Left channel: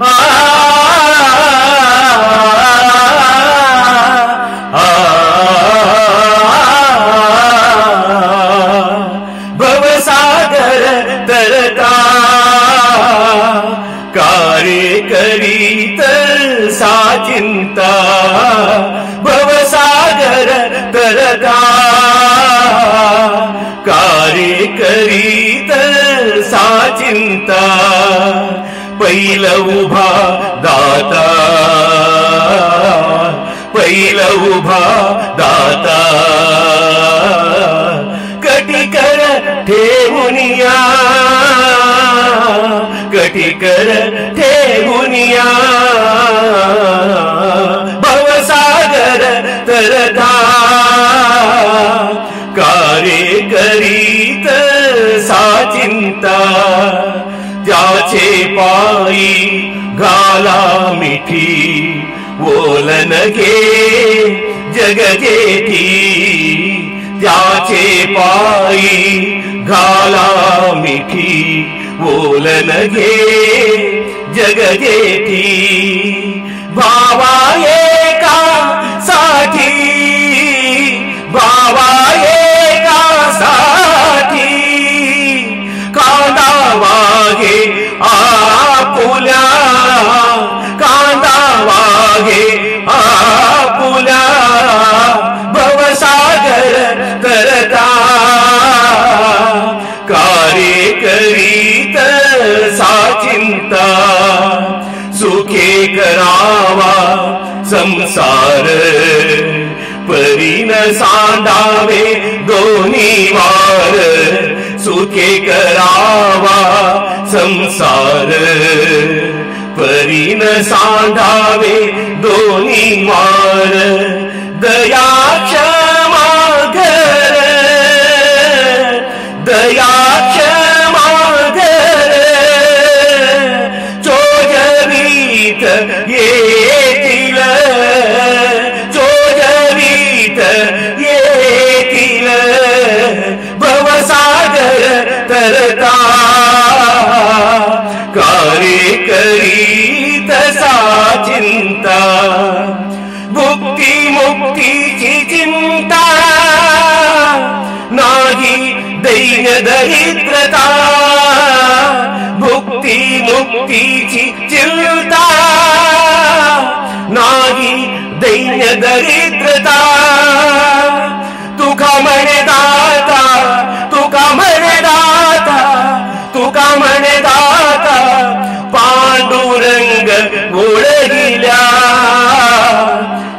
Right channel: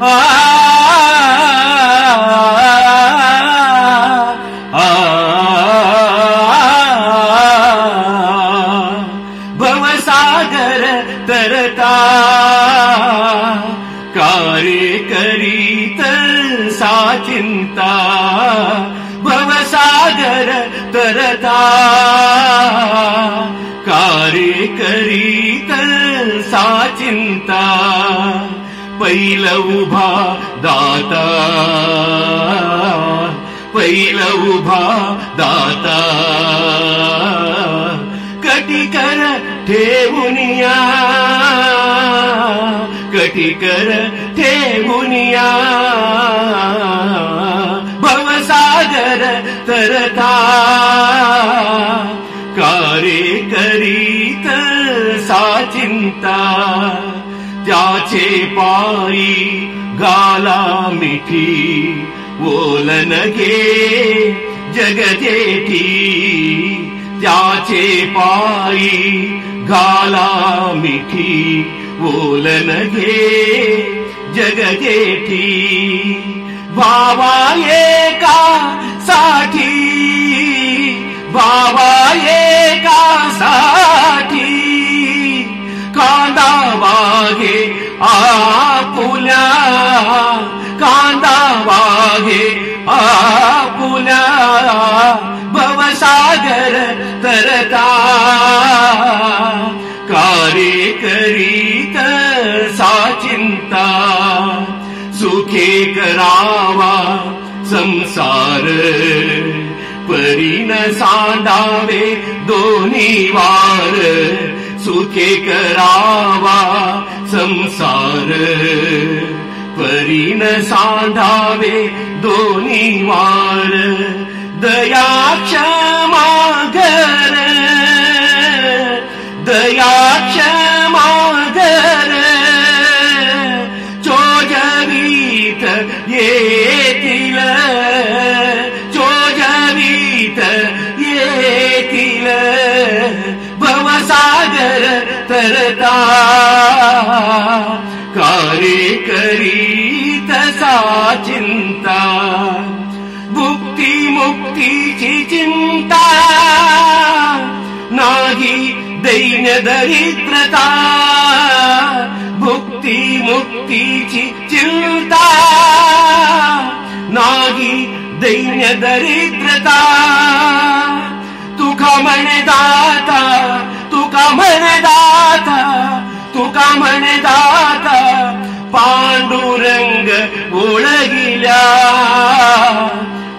आ भवसागर तरता कार्य करीत सा चिंता भवसागर तरता कार्य करीत सा चिंता पहिला उभा दाता पहिला उभा दाता कटिकर ठेवुनिया कटिकर ठेवुनिया भवसागर तरता कार्य करीत सा चिंता त्याचे पायी घाला मिठी बोलन घे जगजेठी त्याचे पायी घाला मिठी बोलन घे जगजेठी भावा एका साठी भावा एका साठी कांदा वागे आपुल्या कांदा वागे आपुल्या भवसागर तरता कार्य करीत सा चिंता सुखे करावा संसार परीन सांडावे दोन्ही वार सुखे करावा संसार परीन सांडावे दोन्ही वार दया क्षमा घर दया क्षमा घर चोजवीत येतील चोजवीत येतील भवसागर तरता कार्य करीत सा चिंता भुक्ती मुक्तीची चिंता नाही दैन्य दरिद्रता भुक्ती मुक्तीची चिंता नाही दैन्य दरिद्रता तुका म्हणे दाता तुका म्हणे दाता तुका म्हणे दाता पांडुरंग ओळगिल्या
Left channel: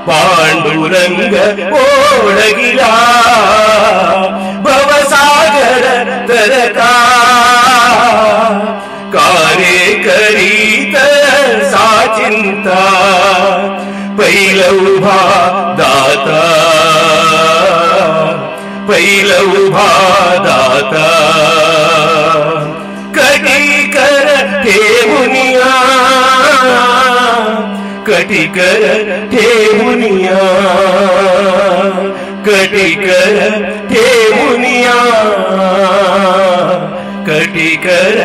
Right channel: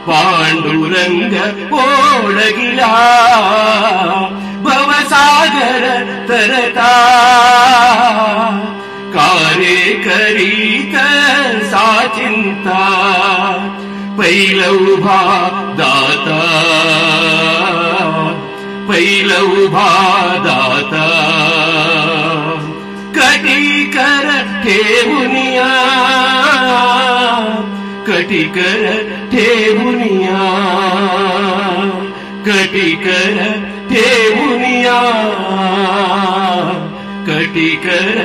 पांडुरंग ओळगिला भवसागर तरता कार्य करीत सा चिंता पहिला उभा दाता पहिला उभा दाता कटिकर ठेवुनिया कटिकर ठेवुनिया कटिकर ठेवुनिया कटिकर